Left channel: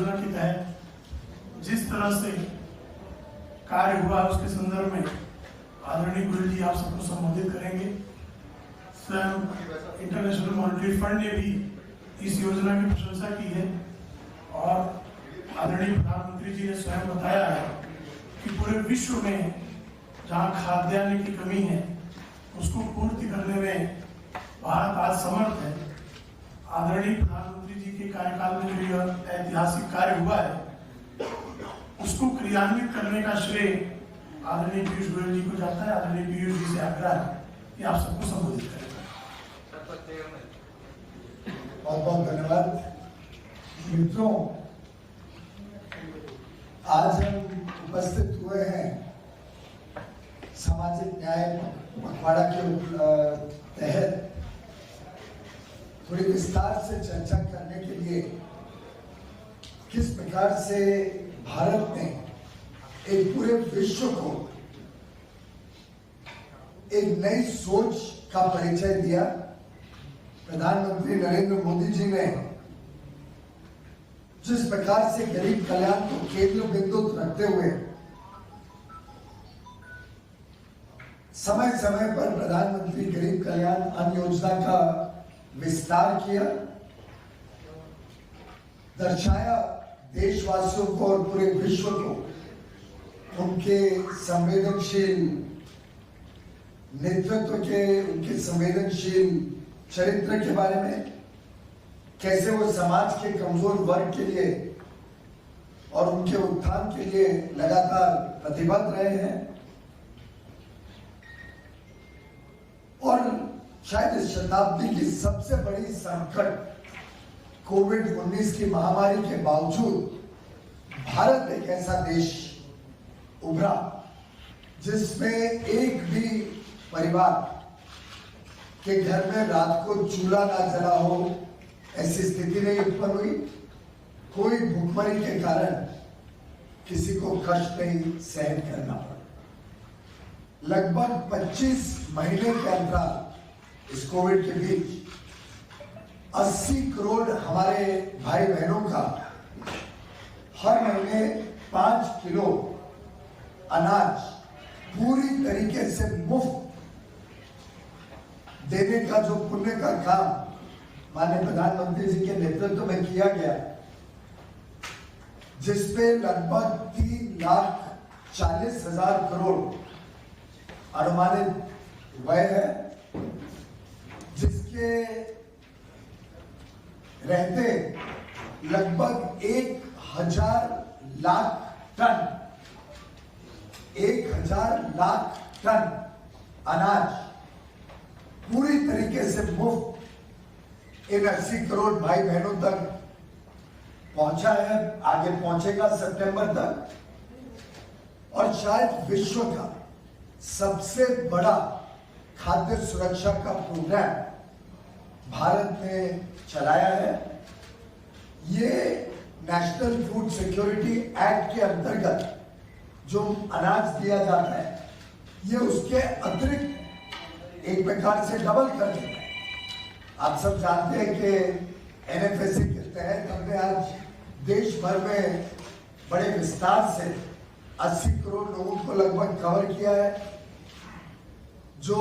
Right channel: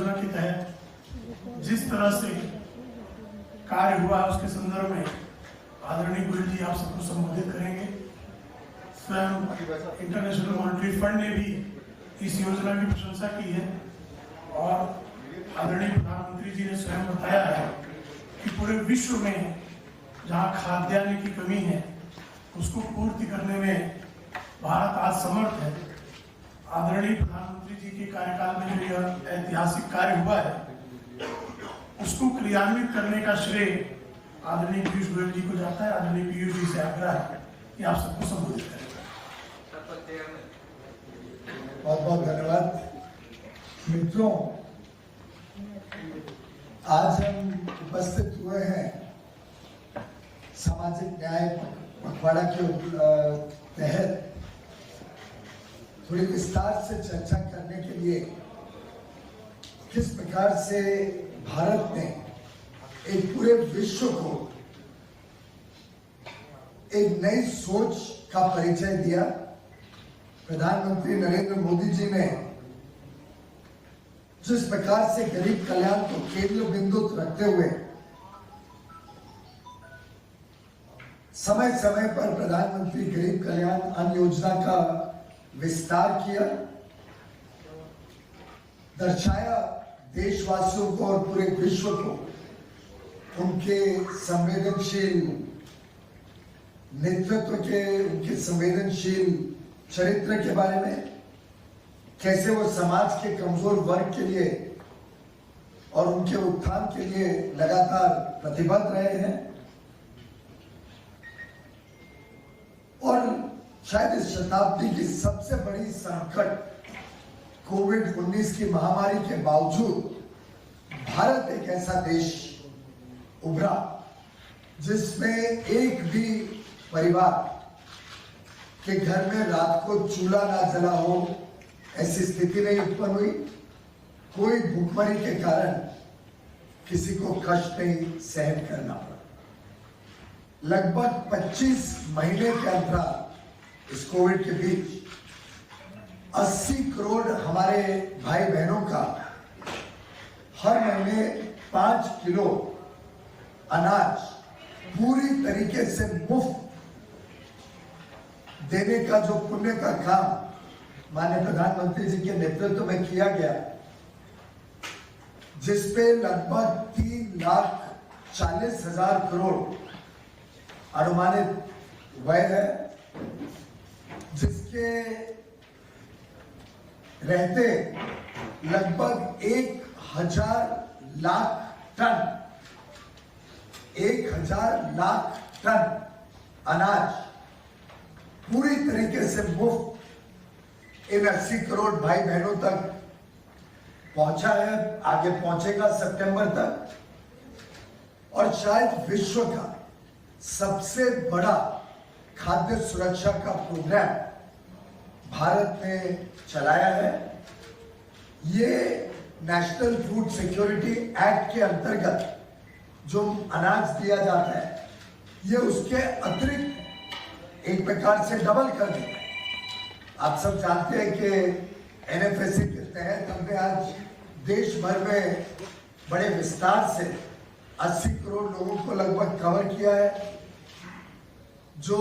योजना के तहत जिस तरह से कार्य हुआ उसके संदर्भ में आदरणीय गोयल जी आप सबको संबोधित करेंगे। स्वयं इंटरनेशनल मॉनेटरी फंड ने भी इस योजना की प्रशंसा की है और आदरणीय प्रधानमंत्री जी ने स्वयं बताया है कि पूरे विश्व में जहां खाद्यान्न की कमी है उसको पूर्ति करने में भारत आज समर्थ है। आदरणीय प्रधानमंत्री जी के कार्यकाल में जो यह ऐतिहासिक कार्य हुआ है उसको क्रियान्वित करने का श्रेय आदरणीय पीयूष गोयल जी को जाता है। आदरणीय पीयूष जी से आग्रह है कि आप सबको संबोधित करें। बहुत बहुत धन्यवाद। मित्रों, आज हम उपस्थित हुए हैं सामाजिक न्याय पखवाड़ा के तहत थोड़ी विस्तार से चर्चा करने के लिए किस प्रकार से भारत ने एक पूरे विश्व को एक नई सोच का परिचय दिया। प्रधानमंत्री नरेंद्र मोदी जी ने जिस प्रकार से गरीब कल्याण को केंद्र बिंदु रखते हुए समय समय पर प्रधानमंत्री गरीब कल्याण अन्न योजना का विस्तार किया, दर्शाया देशवासियों को और पूरे विश्व को उनके संवेदनशील नेतृत्व के, उनके संवेदनशील चरित्र के बारे में, कैसे वो समाज के कमजोर वर्ग के लिए और उनके उत्थान के लिए लगातार प्रतिबद्ध रहे हैं। और शायद इस शताब्दी की सबसे बड़ी संकट कोविड-19 की महामारी के बावजूद भारत एक ऐसा देश उभरा जिसमें एक भी परिवार के घर में रात को चूल्हा ना जला हो, ऐसी स्थिति नहीं उत्पन्न हुई। कोई भूखमरी के कारण किसी को कष्ट नहीं सहन करना पड़ा। लगभग 25 महीने के अंतराल इस कोविड के बीच 80 करोड़ हमारे भाई बहनों का हर महीने 5 किलो अनाज पूरी तरीके से मुफ्त देने का जो पुण्य का काम माननीय प्रधानमंत्री जी के नेतृत्व में किया गया, जिसपे लगभग 3,40,000 करोड़ अनुमानित व्यय है, जिसके रहते लगभग 1,000 लाख टन अनाज पूरी तरीके से मुफ्त इन 80 करोड़ भाई बहनों तक पहुंचा है, आगे पहुंचेगा सितंबर तक। और शायद विश्व का सबसे बड़ा खाद्य सुरक्षा का प्रोग्राम भारत ने चलाया है। ये नेशनल फूड सिक्योरिटी एक्ट के अंतर्गत जो अनाज दिया जाता है, ये उसके अतिरिक्त एक प्रकार से डबल कर देता है। आप सब जानते हैं कि एनएफएसए के तहत हमने आज देश भर में बड़े विस्तार से 80 करोड़ लोगों को लगभग कवर किया है। जो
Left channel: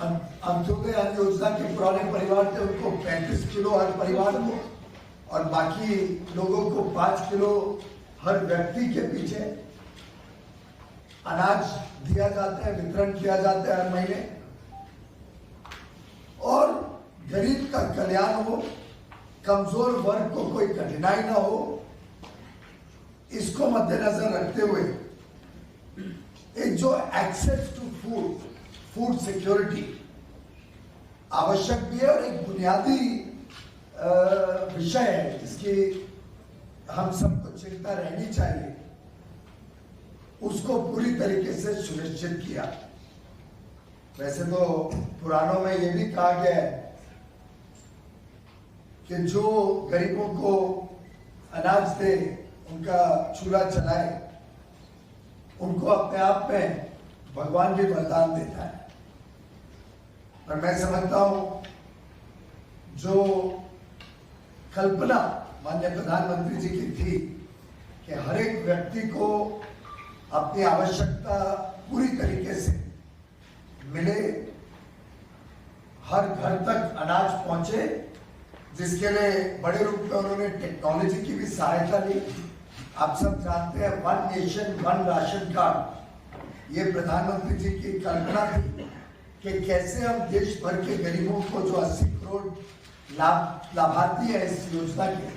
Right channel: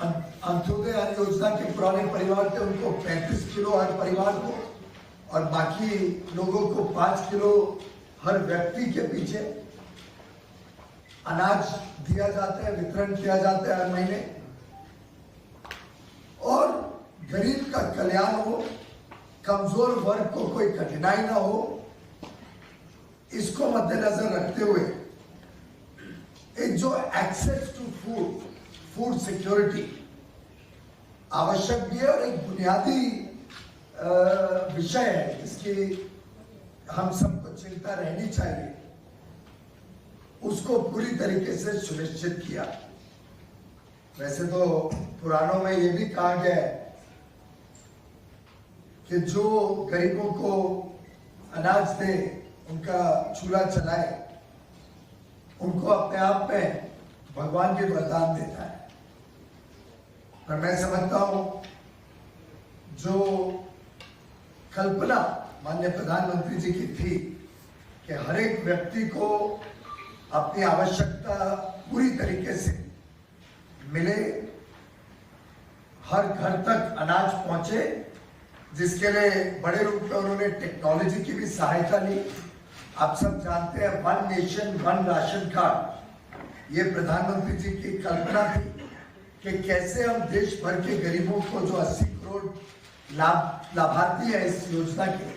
अंत्योदय अन्न योजना के पुराने परिवार थे उनको 35 किलो हर परिवार को और बाकी लोगों को 5 किलो हर व्यक्ति के पीछे अनाज दिया जाता है, वितरण किया जाता है हर महीने। और गरीब का कल्याण हो, कमजोर वर्ग को कोई कठिनाई ना हो, इसको मद्देनजर रखते हुए एक जो एक्सेस टू फूड सिक्योरिटी आवश्यक भी है और एक बुनियादी विषय है, इसकी हम सबको चिंता रहनी चाहिए, उसको पूरी तरीके से सुनिश्चित किया। वैसे तो पुराणों में ये भी कहा गया है कि जो गरीबों को अनाज दे, उनका चूल्हा चलाए, उनको अपने आप में भगवान भी वरदान देता है। पर मैं समझता हूं जो कल्पना माननीय प्रधानमंत्री जी की थी कि हर एक व्यक्ति को अपनी आवश्यकता पूरी तरीके से मिले, हर घर तक अनाज पहुंचे, जिसके लिए बड़े रूप में उन्होंने टेक्नोलॉजी की भी सहायता ली। आप सब जानते हैं 1 नेशन 1 राशन कार्ड, ये प्रधानमंत्री जी की कल्पना थी कि कैसे हम देश भर के गरीबों को जो 80 करोड़ लाभार्थी है इस योजना के,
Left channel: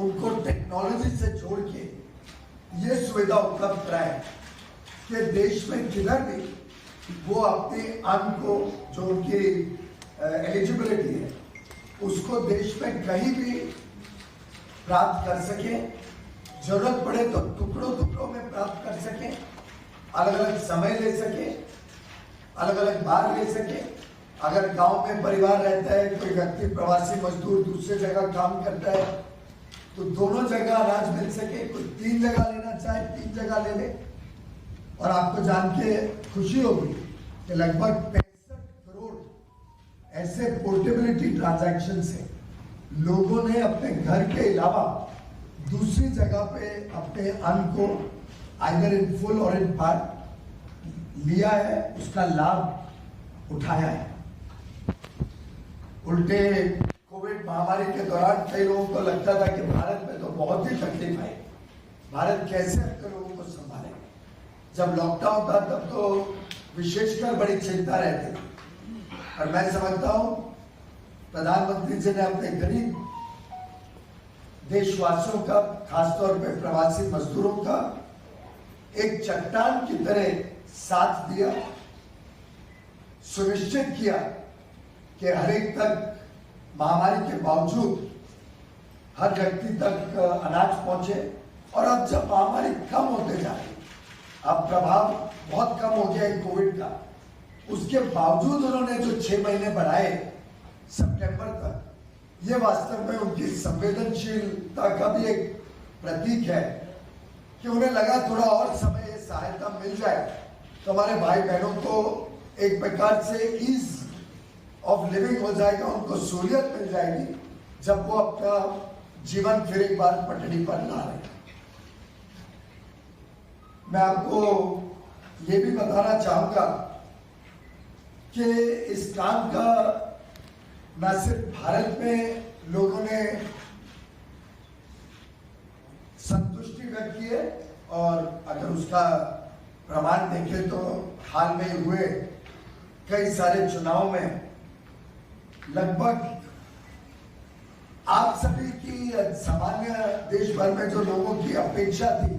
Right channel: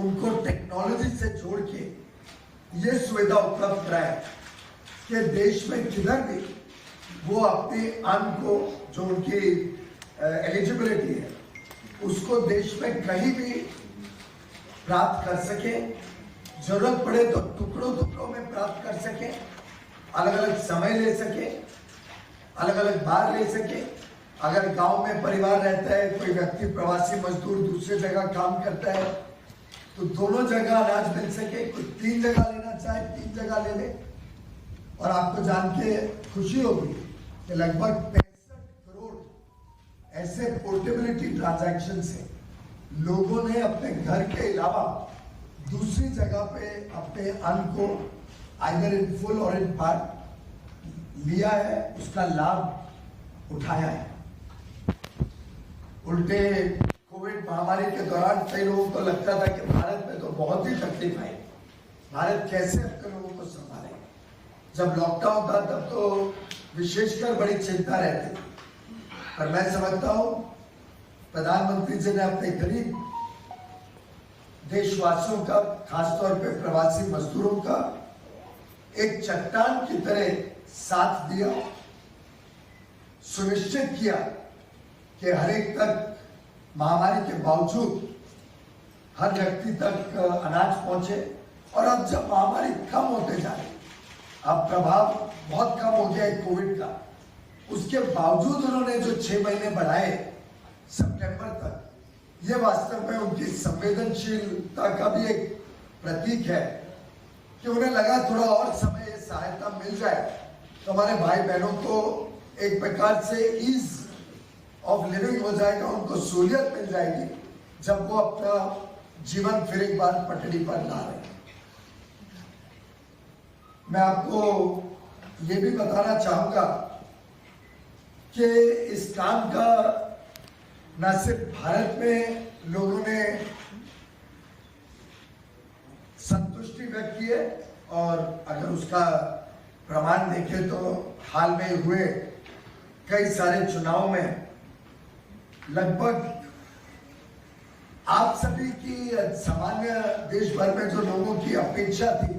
उनको टेक्नोलॉजी से जोड़ के ये सुविधा उपलब्ध कराए कि देश में किधर भी वो अपने अन्न को जो उनकी एलिजिबिलिटी है उसको देश में कहीं भी प्राप्त कर सके, जरूरत पड़े तो टुकड़ों टुकड़ों में प्राप्त कर सके, अलग अलग समय ले सके, अलग अलग बार ले सके। अगर गांव में परिवार रहता है, कोई व्यक्ति प्रवासी मजदूर दूसरे जगह काम करता है, तो दोनों जगह अनाज मिल सके। कोई 3 जगह लेना चाहे 3 जगह ले ले। और आपको जान के खुशी होगी कि लगभग 65 करोड़ ऐसे पोर्टेबिलिटी ट्रांजैक्शन से लोगों ने अपने घर के अलावा दूसरी जगह पे अपने अन्न को आइदर इन फुल और इन पार्ट लिया है, उसका लाभ उठाया है। उल्टे कोविड महामारी के दौरान कई लोगों को लगता था कि भारत में तो बहुत ही तकलीफ आई, भारत कैसे अपने लोगों को संभाले। जब लॉकडाउन था तब तो विशेषकर बड़ी चिंता रहती थी, और मैं समझता हूं प्रधानमंत्री जी ने अपने गरीब देशवासियों का, खासतौर पे प्रवासी मजदूरों का एक चट्टान की तरह साथ दिया, सुनिश्चित किया कि हर एक तक महामारी के बावजूद हर व्यक्ति तक अनाज पहुंचे। और अब जब महामारी कम होते जा रही, अब प्रभाव बहुत कम हो गया है कोविड का, उसके बावजूद उन्होंने जो 6 महीने बढ़ाए सितंबर तक, ये वास्तव में उनकी संवेदनशीलता का भी एक प्रतीक है कि उन्हें लगा थोड़ा और समय ये सहायता मिल जाए तो हमारे भाई बहनों को एक प्रकार से ईज ऑफ लिविंग हो जाएगा, उनको सहूलियत मिल जाएगी जब वो अपना जीवन फिर एक बार पटरी पर ला रहे। मैं आपको ये भी बताना चाहूंगा कि इस काम का न सिर्फ भारत में लोगों ने संतुष्टि व्यक्त की है, और अगर उसका प्रमाण देखें तो हाल में हुए कई सारे चुनाव में लगभग आप सभी की सामान्य देश भर में जो लोगों की अपेक्षा थी